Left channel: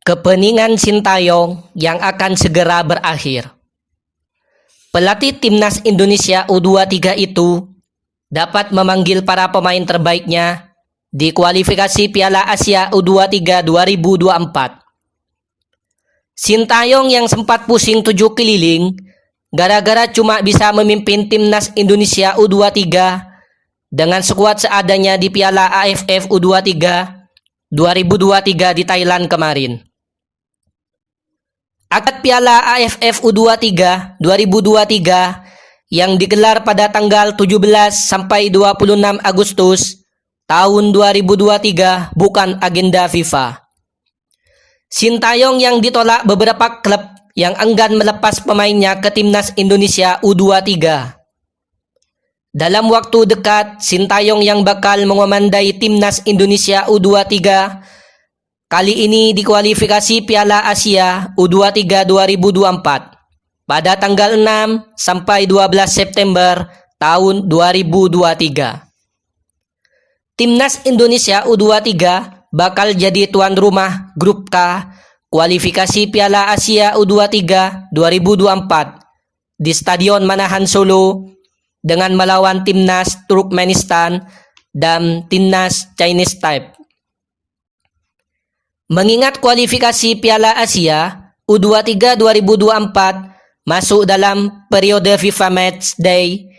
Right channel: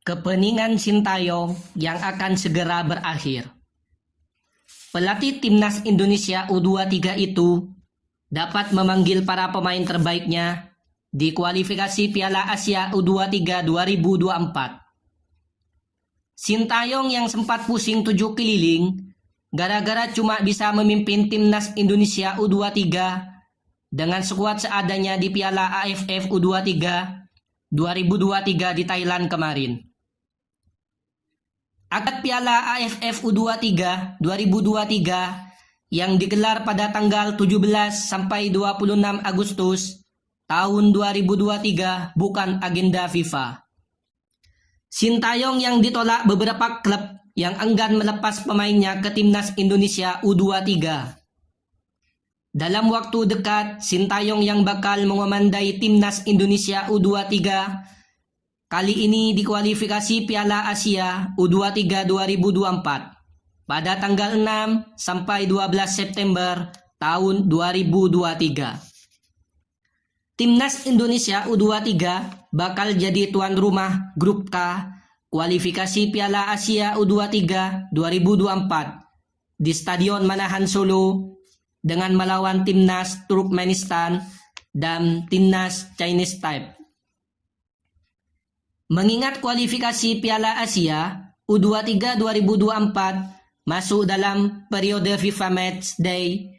Kepeningan Sintayong yang akan segera berakhir. Pelatih Timnas Indonesia U23 itu dapat memanggil para pemain terbaiknya di kualifikasi Piala Asia U23 2024. Sintayong yang sempat pusing 7 keliling gara-gara cuma bisa memimpin Timnas Indonesia U23 dengan skuad seadanya di Piala AFF U23 2023 di Thailand kemarin. Akad Piala AFF U23 2023 yang digelar pada tanggal 17 sampai 26 Agustus tahun 2023 bukan agenda FIFA. Sintayong yang ditolak beberapa klub yang enggan melepas pemainnya ke Timnas Indonesia U23. Dalam waktu dekat, Sintayong yang bakal mengomandai Timnas Indonesia U23 kali ini di kualifikasi Piala Asia U23 2024 pada tanggal 6 sampai 12 September tahun 2023. Timnas Indonesia U23 bakal jadi tuan rumah Grup K kualifikasi Piala Asia U23 2024 di Stadion Manahan Solo dengan melawan Timnas Turkmenistan dan Timnas Chinese Taipei. Mengingat kualifikasi Piala Asia U23 2024 masuk dalam periode FIFA Match Day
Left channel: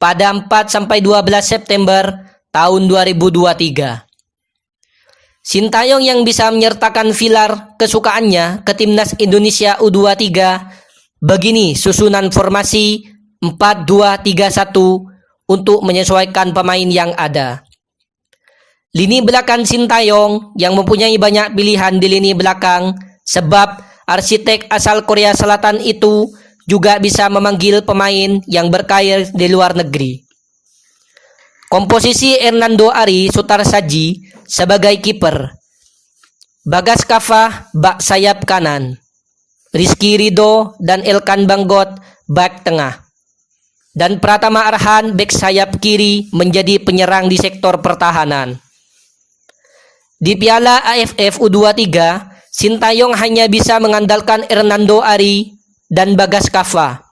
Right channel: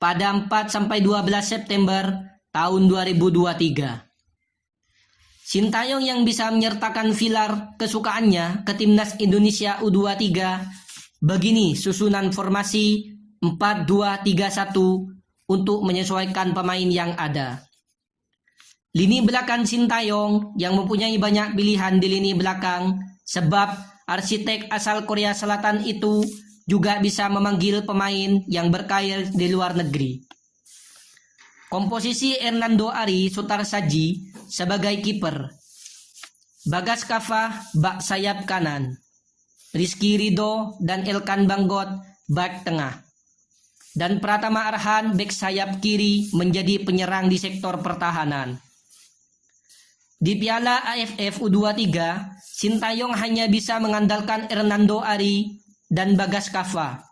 pada 4 sampai 12 September tahun 2023. Sintayong yang bisa menyertakan filar kesukaannya ke Timnas Indonesia U23 begini susunan formasi 4-2-3-1 untuk menyesuaikan pemain yang ada. Lini belakang Sintayong yang mempunyai banyak pilihan di lini belakang sebab arsitek asal Korea Selatan itu juga bisa memanggil pemain yang berkarir di luar negeri. Komposisi Hernando Ari Sutarsaji sebagai kiper, Bagas Kafah bak sayap kanan, Rizky Ridho dan Elkan Banggot bak tengah, dan Pratama Arhan bek sayap kiri menjadi penyerang di sektor pertahanan. Di Piala AFF U23, Sintayong hanya bisa mengandalkan Hernando Ari dan Bagas Kafah.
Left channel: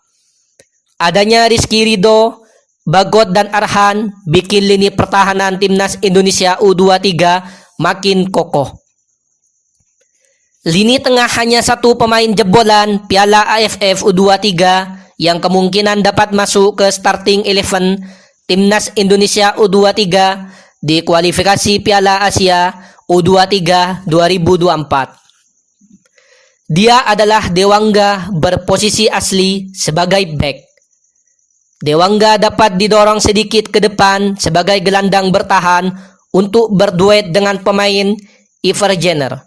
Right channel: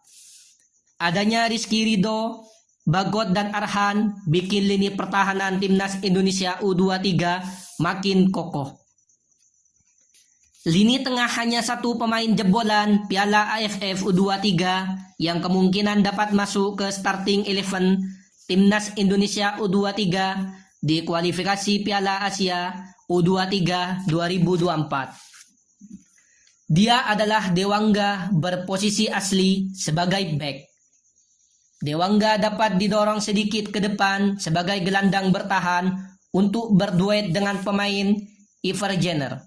Adanya Rizky Ridho, Bagot dan Arhan bikin lini pertahanan Timnas Indonesia U23 makin kokoh. Lini tengah hanya satu pemain jebolan Piala AFF U23 yang kemungkinan dapat masuk ke starting 11 Timnas Indonesia U23 di kualifikasi Piala Asia U23 2024. Dia adalah Dewangga berposisi asli sebagai bek. Dewangga dapat didorong sedikit ke depan sebagai gelandang bertahan untuk berduet dengan pemain Iver Jenner.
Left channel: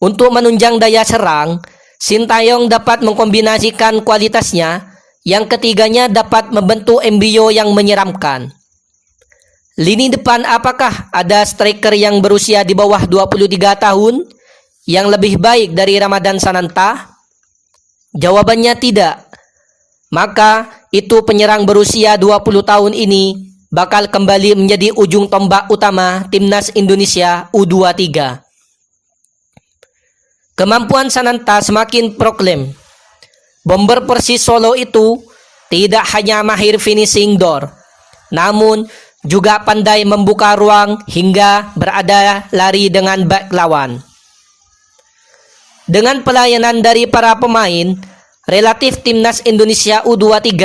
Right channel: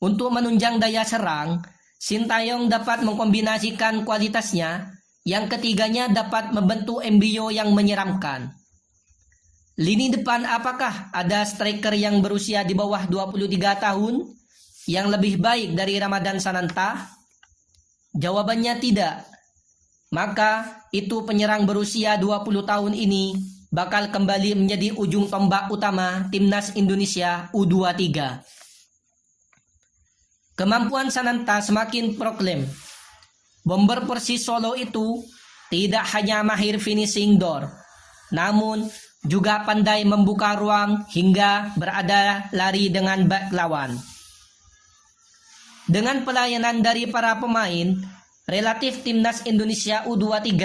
Untuk menunjang daya serang, Sintayong dapat mengkombinasikan kualitasnya, yang ketiganya dapat membentuk embrio yang menyeramkan. Lini depan apakah ada striker yang berusia di bawah 23 tahun yang lebih baik dari Ramadan Sananta? Jawabannya tidak. Maka itu penyerang berusia 20 tahun ini bakal kembali menjadi ujung tombak utama Timnas Indonesia U23. Kemampuan Sananta semakin proklem. Bomber Persis Solo itu tidak hanya mahir finishing door, namun juga pandai membuka ruang hingga berada lari dengan bek lawan. Dengan pelayanan dari para pemain relatif Timnas Indonesia U23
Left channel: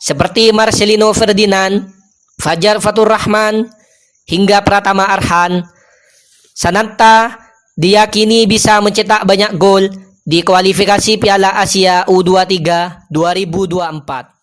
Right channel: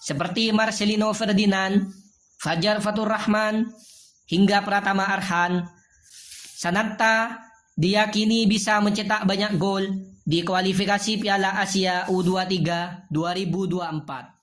seperti Marcelino Ferdinand, Fajar Fatur Rahman, hingga Pratama Arhan, Sananta diyakini bisa mencetak banyak gol di kualifikasi Piala Asia U23 2024.